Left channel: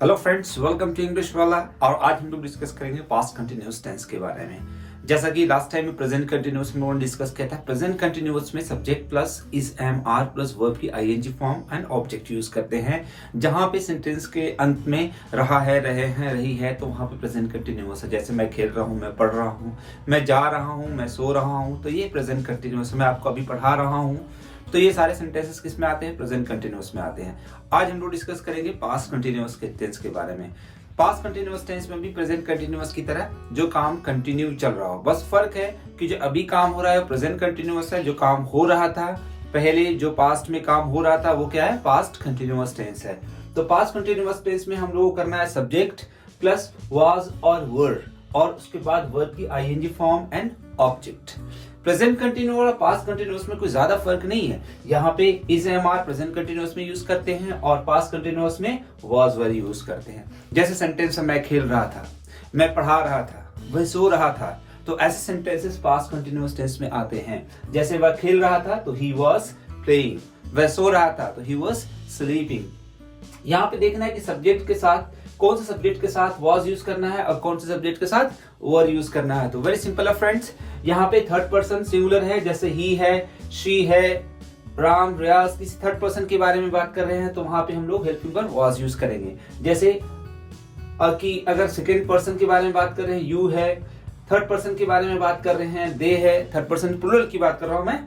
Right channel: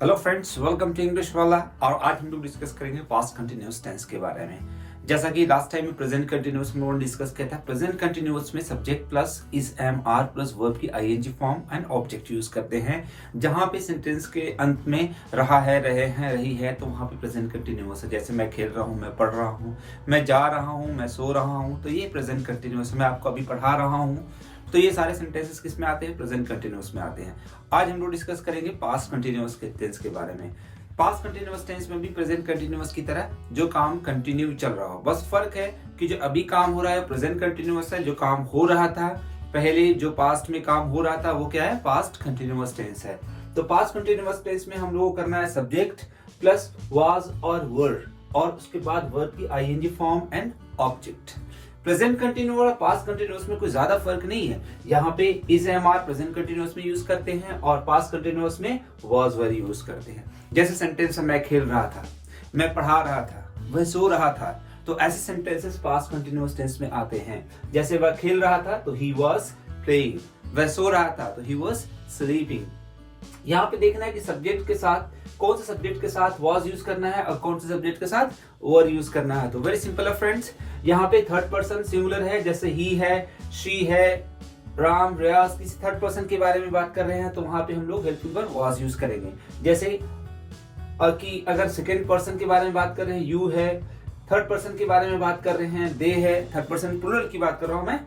Hello friends, welcome to English वाला। और आज हम लोग डिस्कस करेंगे पास्ट कंटिन्यूअस टेंस के बारे में। जैसा कि लास्ट टाइम में प्रेजेंट कंटिन्यूअस में डिस्कस किया था। प्रेजेंट कंटिन्यूअस में subject plus is am are plus verb की ING form and object use करते हैं। जहां पे सेंटेंस के अंत में रहा है, रहे हैं, रही है, तो वहां पे प्रेजेंट कंटिन्यूअस है। जैसे मैं खेल रहा हूँ, मैं पढ़ रहा हूँ, मैं जा रहा हूँ, मैं सो रहा हूँ, तो ये प्रेजेंट कंटिन्यूअस। मैं आपको अभी पढ़ा रहा हूँ, तो ये सारे सेंटेंसेस किस में आते हैं? प्रेजेंट कंटिन्यूअस में आते हैं। आज हम लोग डिस्कस करेंगे पास्ट कंटिन्यूअस के टेंस के बारे में। पास्ट कंटिन्यूअस टेंस में भी प्रेजेंट कंटिन्यूअस की तरह जो काम कंटिन्यू चल रहा हो, बस फर्क है कि जो अभी काम हो रहा है प्रेजेंट कंटिन्यूअस है। जो काम हो रहा था पहले, जो पास्ट में काम हो रहा था, वो क्या है? पास्ट कंटिन्यूअस टेंस है। तो पास्ट कंटिन्यूअस टेंस में हम लोगों को करना है सब्जेक्ट प्लस वाज और वर, और उसके बाद वर्ब की ING form and object. Present continuous और पास्ट कंटिन्यूअस में कोई ज्यादा फर्क नहीं है। यहाँ पे is am are present continuous में यूज करते हैं और पास्ट कंटिन्यूअस में वाज वर यूज करते हैं। जैसे सेंटेंस मैं खेल रहा था, मैं पढ़ा रहा था, वह सो रहा था, तो ऐसे सेंटेंसेस पास्ट कंटिन्यूअस टेंस में आते हैं। जैसे वह खेल रहा था तो ही वॉज प्लेइंग, वह सो रहा था तो ही वॉज स्लीपिंग। यहाँ पे देखना है कि सब्जेक्ट के साथ कौन से सब्जेक्ट के साथ वाज यूज करना है और कौन से सब्जेक्ट के साथ वर यूज करना है। तो वेरी सिंपल है फ्रेंड्स। यहाँ पे थर्ड पर्सन सिंगुलर है, जैसे ही है, शी है, राम, रियाज, किसी थर्ड पर्सन के बारे में बात कर रहे हैं, तो वहां पे हम लोग हेल्पिंग वर्ब वाज यूज करेंगे। जैसे कि अगर सेकेंड पर्सन के बारे में बात कर रहे हैं, यू है, थर्ड पर्सन के बारे में बात कर रहे हैं, दे है, थर्ड पर्सन प्लूरल की बात कर रहा हूं मैं,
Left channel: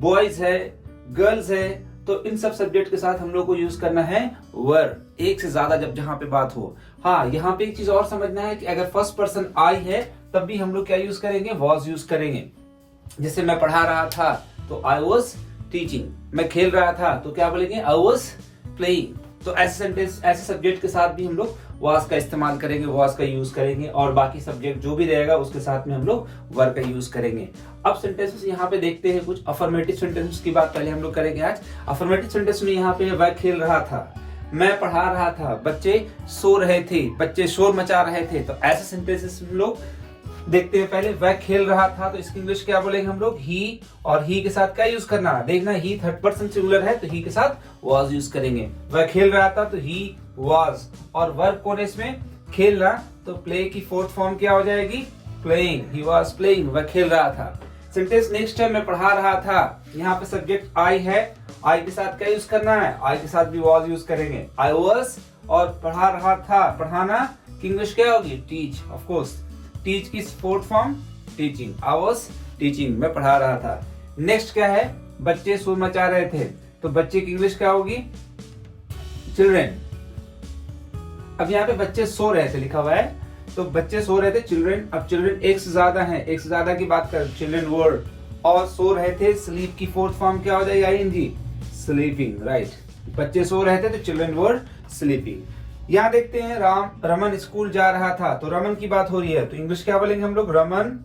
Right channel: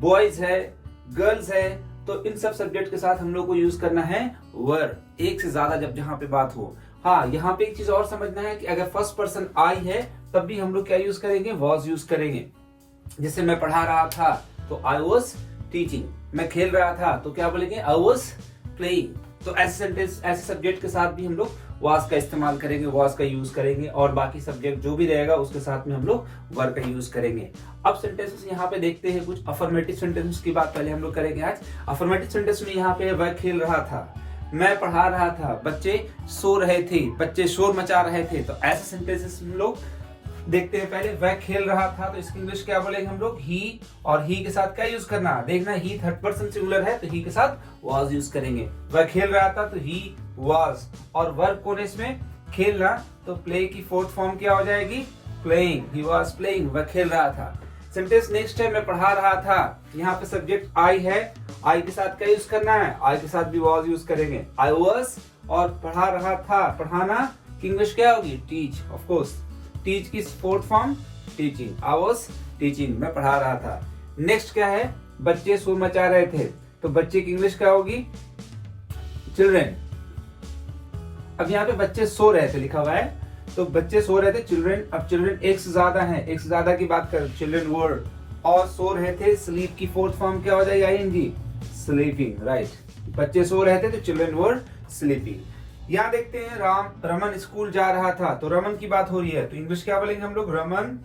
बॉयज है, गर्ल्स है, तो इन सब सब्जेक्ट के साथ हम लोग को यूज करना है वर, एक से ज्यादा जब जहां पे बात हो। हाँ, यहाँ पे एक चीज और समझना है कि अगर फर्स्ट पर्सन आई है तब भी हम लोग क्या यूज करेंगे? वॉज यूज करेंगे। जैसे मैं पढ़ा रहा था तो आई वॉज टीचिंग, मैं खेल रहा था तो क्या बोलेंगे? I was playing. तो ऐसे सेंटेंस, ऐसे सब्जेक्ट के साथ भी हम लोग वाज का इस्तेमाल करेंगे, वाज का यूज करेंगे, और बाकी सब्जेक्ट जो भी रहेगा उसके साथ में हम लोग वर का यूज करेंगे। अब सेंटेंसेस यहाँ पे देखते हैं कुछ अफर्मेटिव सेंटेंसेस की बात पहले हम लोग करेंगे आज। अफर्मेटिव सेंटेंस में यहाँ पे वह खेल रहा था, मैं पढ़ा रहा था, बच्चे सो रहे थे, बच्चे शोर मचा रहे थे, तो ऐसे सेंटेंसेस हम लोग देखते हैं। पहले वह खेल रहा था तो इसकी इंग्लिश क्या बोलेंगे हम लोग? ही, और ही के साथ क्या यूज करना है? देखना, ही थर्ड पर्सन सिंगुलर है तो ही के साथ वाज यूज करेंगे। वह खेल रहा था तो ही वाज, और वर्ब कौन है इसमें? खेलना, तो प्ले की फोर्थ फॉर्म क्या हो जाएगी? प्लेइंग, ही वाज प्लेइंग, वह खेल रहा था। सेंटेंस नेक्स्ट है मैं पढ़ा रहा था, यहाँ पे सब्जेक्ट आई है, आई के साथ क्या यूज करना है? आई के साथ भी वाज यूज करेंगे। आई वाज और पढ़ा रहा था, पढ़ाना की इंग्लिश क्या होगी? Teach, of course. टीच की fourth form teaching, I was teaching, मैं पढ़ा रहा था। नेक्स्ट क्या है? बच्चे शोर मचा रहे थे, तो बच्चे की इंग्लिश क्या होगी? चिल्ड्रेन। अब यहाँ पे बच्चे सो रहे थे लिखा हुआ है, तो बच्चे सो रहे थे, चिल्ड्रेन। अब चिल्ड्रेन एक से ज्यादा है, एक से ज्यादा की बात कर, चिल्ड्रेन वर, और सो रहे थे, स्लीप की फोर्थ फॉर्म क्या हो जाएगी? ING, sleeping, right. बच्चे सो रहे थे तो चिल्ड्रेन वर स्लीपिंग। यहाँ देखते हैं रमन स्कूल जा रहा था, तो रमन की बात हो रही है, तो इंग्लिश क्या बोलेंगे हम लोग? रमन।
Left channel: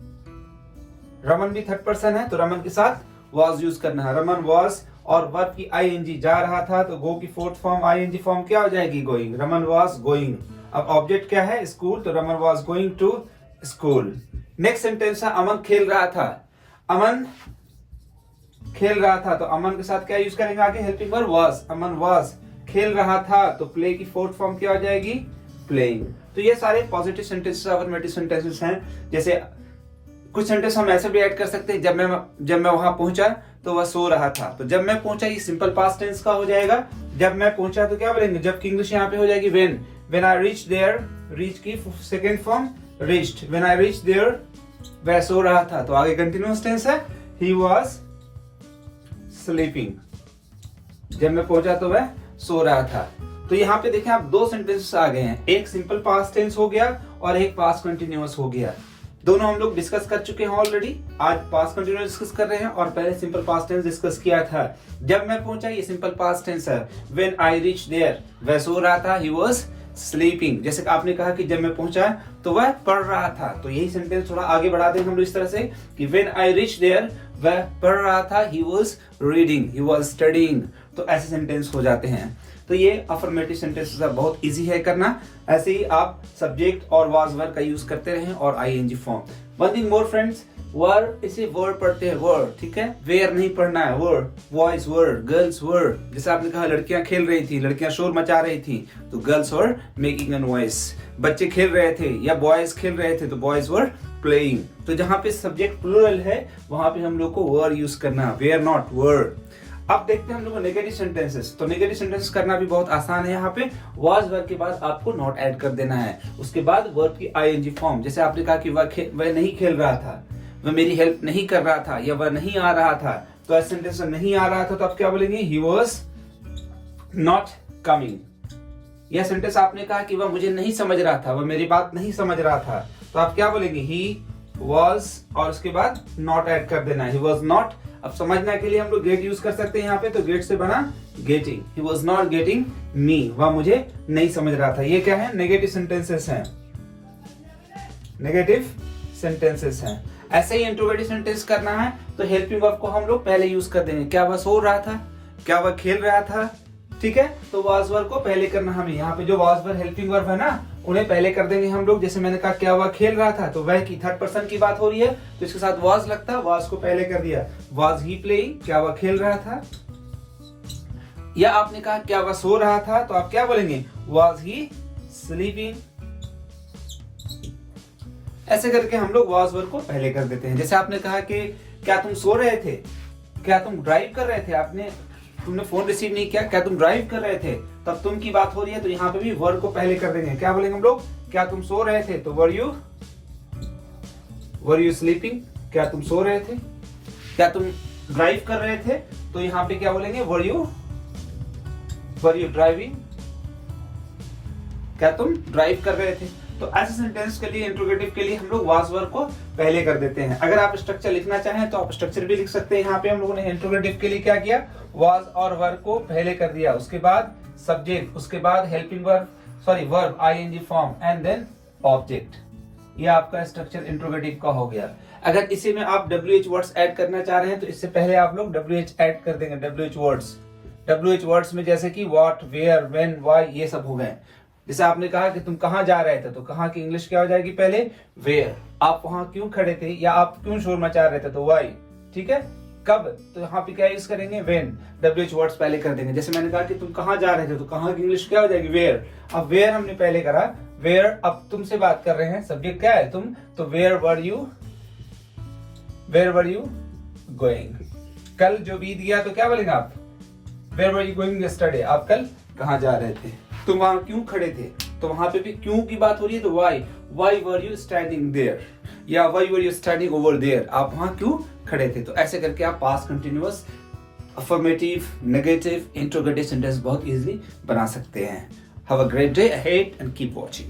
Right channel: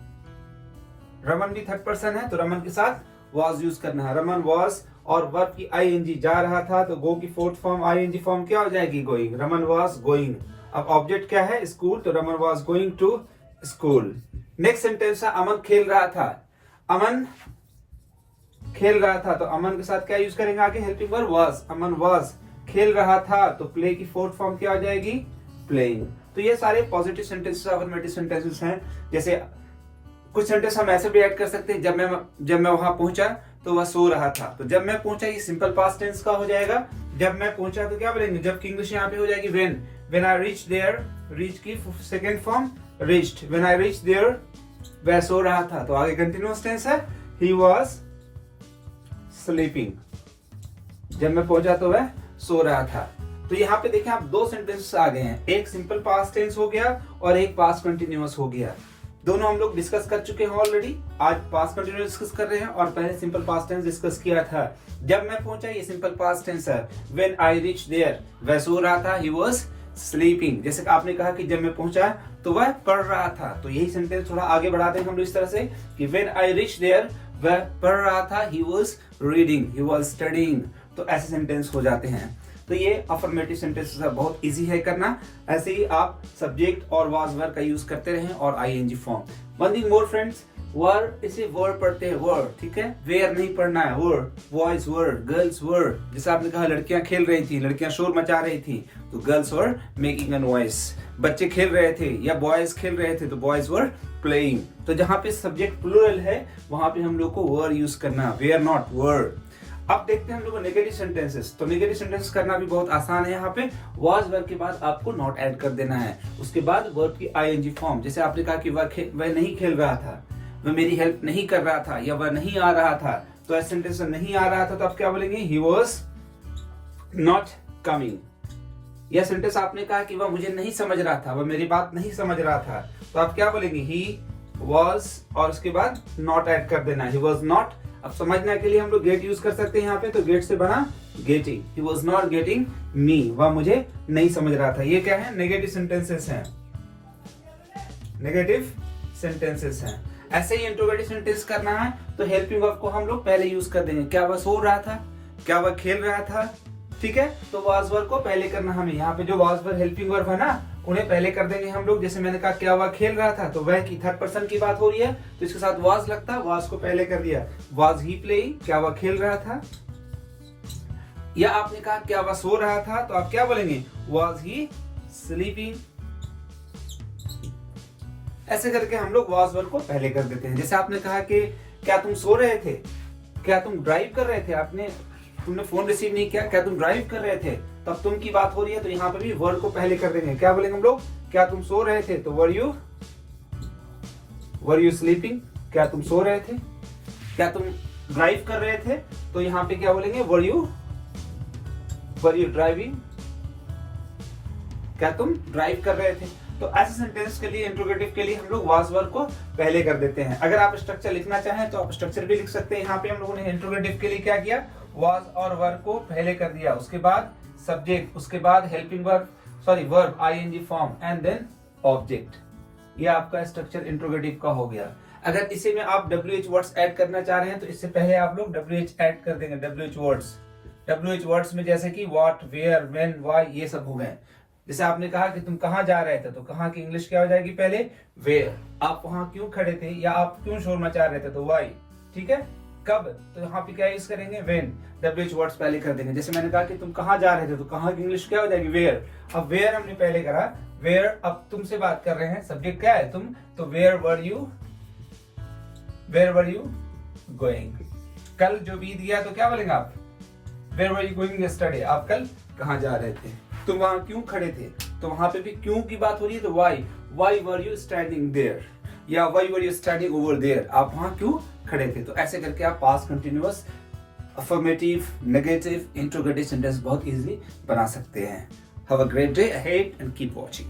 रमन भी थर्ड पर्सन है तो रमन के साथ वाज यूज करना है। रमन वाज, और वर्ब की आईएनजी, जा रहा था तो गो की फोर्थ फॉर्म आईएनजी फॉर्म क्या हो जाएगी? गोइंग। Raman was going. अब ऑब्जेक्ट क्या है? स्कूल, तो Raman was going to school. Next sentence है अमन खेल रहा था। अमन खेल रहा था, तो अमन के साथ क्या यूज करेंगे आगे? Helping verb was. Aman was खेल रहा था, तो प्ले की फोर्थ फॉर्म क्या हो जाएगी? प्लेइंग। तो ये सारे पॉजिटिव सेंटेंसेस, अफर्मेटिव सेंटेंसेस हैं। जैसे कुछ सेंटेंस हम ऐसे भी ऐड कर सकते हैं, जब मैं वहां पहुंचा तो वह सो रहा था, तो जब मैं पहुंचा ये सिंपल पास्ट टेंस का हो जाएगा। जब मैं पहुंचा तो क्या बोलेंगे? जबकि इंग्लिश यहाँ पे हो जाएगी when. When I reach there, reach की second form reached. When I reach there, वह सो रहा था, तो आगे कंटिन्यूअस टेंस है, ही वाज स्लीपिंग। जब मैं पहुंचा तो वह सो रहा था। तो यहाँ पे देखें आप, दो सेंटेंसेस आ गए हैं, एक सिंपल पास्ट टेंस हो गया और एक पास्ट कंटिन्यूअस हो गया। दोनों हम लोग डिस्कस कर चुके हैं ऑलरेडी। आज पास्ट कंटिन्यूअस डिस्कस कर रहे हैं और पहले सिंपल पास्ट टेंस डिस्कस किया था। जब मैं पहुंचा ये सिंपल पास्ट टेंस है। व्हेन आई रीच देयर, वह सो रहा था, ही वाज स्लीपिंग। जैसे आपने कहा कि जब मैं पहुंचा तो वह पढ़ रहा था, तो यही सेंटेंस थोड़ा आगे बढ़ाते हैं हम लोग इस तरह से कि व्हेन आई रीच देयर, वह पढ़ रहा था, he was reading, he was studying. तो ऐसे सेंटेंस हो जाते हैं। तो ये अफर्मेटिव सेंटेंसेस बहुत इजी है करना। ऐसे ही आप सब्जेक्ट और वाज वर्ब का यूज करते रहें और ING form. One thing more friends, were इसे वर्ड पढ़ते हैं, वर्ड, ठीक है, वेयर नहीं पढ़ना है, were, boys were, girls were. जैसे आपने कहा लड़कियां खेल रही थी, लड़कियां शोर मचा रही थी, तो girls were making a noise. बच्चे खेल रहे थे या बॉयज खेल रहे थे, तो बॉयज वर प्लेइंग। तो जहां पे सब्जेक्ट प्लूरल है वहां पे हम लोग को वर्ड यूज करना, वेयर नॉट वर्ड। अब देखते हैं हम लोग नेगेटिव सेंटेंसेस। तो नेगेटिव सेंटेंसेस करना भी बहुत आसान है। यहाँ पे वाज वर्ब के बाद आपको नॉट ऐड कर देना है, उसके बाद वर्ब की आईएनजी फॉर्म। जैसे आपने कहा कि वह नहीं खेल रहा था, वह मेरी हेल्प नहीं कर रहा था, या वह नहीं आ रहा था, तो ऐसे सेंटेंस नहीं आ रहा था तो आप क्या बोलेंगे, ही वॉज नॉट कमिंग। यह सेंटेंस आपने कहा कि वह मुझे नहीं समझ रहा था, वह मेरी बात नहीं समझ रहा था, तो आप क्या बोलेंगे, ही वॉज, और उसके बाद नॉट ऐड कर देना है, ही वॉज नॉट। अब समझने के लिए हम लोग गेट यूज कर सकते हैं यहाँ पे, तो गेट से बना getting, he was not getting me, वह मुझे नहीं समझ रहा था। ये क्या है, नेगेटिव सेंटेंसेस हैं, नेगेटिव सेंटेंसेस हैं। ऐसे ही इंट्रोगेटिव सेंटेंस करना है तो हेल्पिंग वर्ब को हम लोग पहले यूज कर देंगे। क्या वह सो रहा था, क्या वह खेल रहा था, ठीक है, तो वाज वर्ब को पहले करना हमें। यहाँ पे जो वाज वर्ब हेल्पिंग वर्ब है ना, उन्हें पहले कर देंगे हम लोग। जैसे मैंने कहा क्या वह खेल रहा था, तो वह की थर्ड पर्सन की बात हो रही है, तो इसके साथ वाज लगता, वाज को पहले कर दिया। वाज ही प्लेइंग, क्या वह खेल रहा था। या आपने कहा क्या वह सो रहा था, तो आप क्या बोलेंगे, वाज ही स्लीपिंग। ऐसे करके हम लोग वाज वर्ब को पहले कर देते हैं। जैसे आपने कहा कि क्या तुम सो रहे थे, क्या तुम ड्राइव कर रहे थे, तुमने फोन रिसीव नहीं किया, क्या तुम ड्राइव कर रहे थे, तब तुम की बात हो रही है, तो यहाँ पे भी वर्ब को पहले कर देंगे। क्या बोलेंगे हम लोग, क्या तुम सो रहे थे, तो वर यू स्लीपिंग, क्या तुम सो रहे थे। क्या तुम ड्राइव कर रहे थे, तो यहाँ पे क्या बोलेंगे, वर यू ड्राइविंग, क्या तुम ड्राइव कर रहे थे। तो ऐसे सेंटेंस के लिए, इंट्रोगेटिव के लिए हम लोग वाज वर्ब को पहले कर देते हैं। अगर आप स्ट्रक्चर लिखना चाहें तो आप स्ट्रक्चर भी लिख सकते हैं। यहाँ पे हम लोगों ने इंट्रोगेटिव के लिए क्या किया, वाज और वर्ब को पहले कर दिया, उसके बाद सब्जेक्ट, उसके बाद helping verb, verb ING form, and then object. ये आपका स्ट्रक्चर इंट्रोगेटिव का हो गया। अगर इसी में आप WH वर्ड्स ऐड करना चाह रहे हैं तो इससे पहले आप लोग WH ऐड कर देंगे। WH वर्ड्स में जैसे कि व्हाट, वेयर, व्हेन, व्हाई, ये सब हो गए। जैसे आपने कहा कि तुम कहाँ जा रहे थे, तो कहाँ की इंग्लिश क्या हो जाएगी, पहले वेयर। आप वहां क्यों खड़े थे, या आप क्यों शोर मचा रहे थे, तो व्हाई, ठीक है। कब, तो यहाँ पे क्या यूज करेंगे, व्हेन। WH वर्ड्स पहले कर देंगे। जैसे मैंने कहा कि तुम कहाँ जा रहे थे, तो कहाँ की इंग्लिश क्या हो जाएगी, वेयर। अब वेयर हमने पहले करा, वेयर, अब तुमसे बात कर रहे हैं, सब्जेक्ट क्या है, तुम, तो वेयर वर यू गोइंग। कल जो बीत गया तो क्या बोलेंगे आप, where were you going yesterday, आप कल कहाँ जा रहे थे। तुम वहां क्यों खड़े थे, तो वहां पे भी क्यों की बात हो रही है, तो why were you standing there, या why were you standing over there, आप वहां क्यों खड़े थे। तो ऐसे करके आप past continuous, affirmative, negative, interrogative sentence बहुत इजीली बना सकते हैं। Have a great day ahead and keep watching.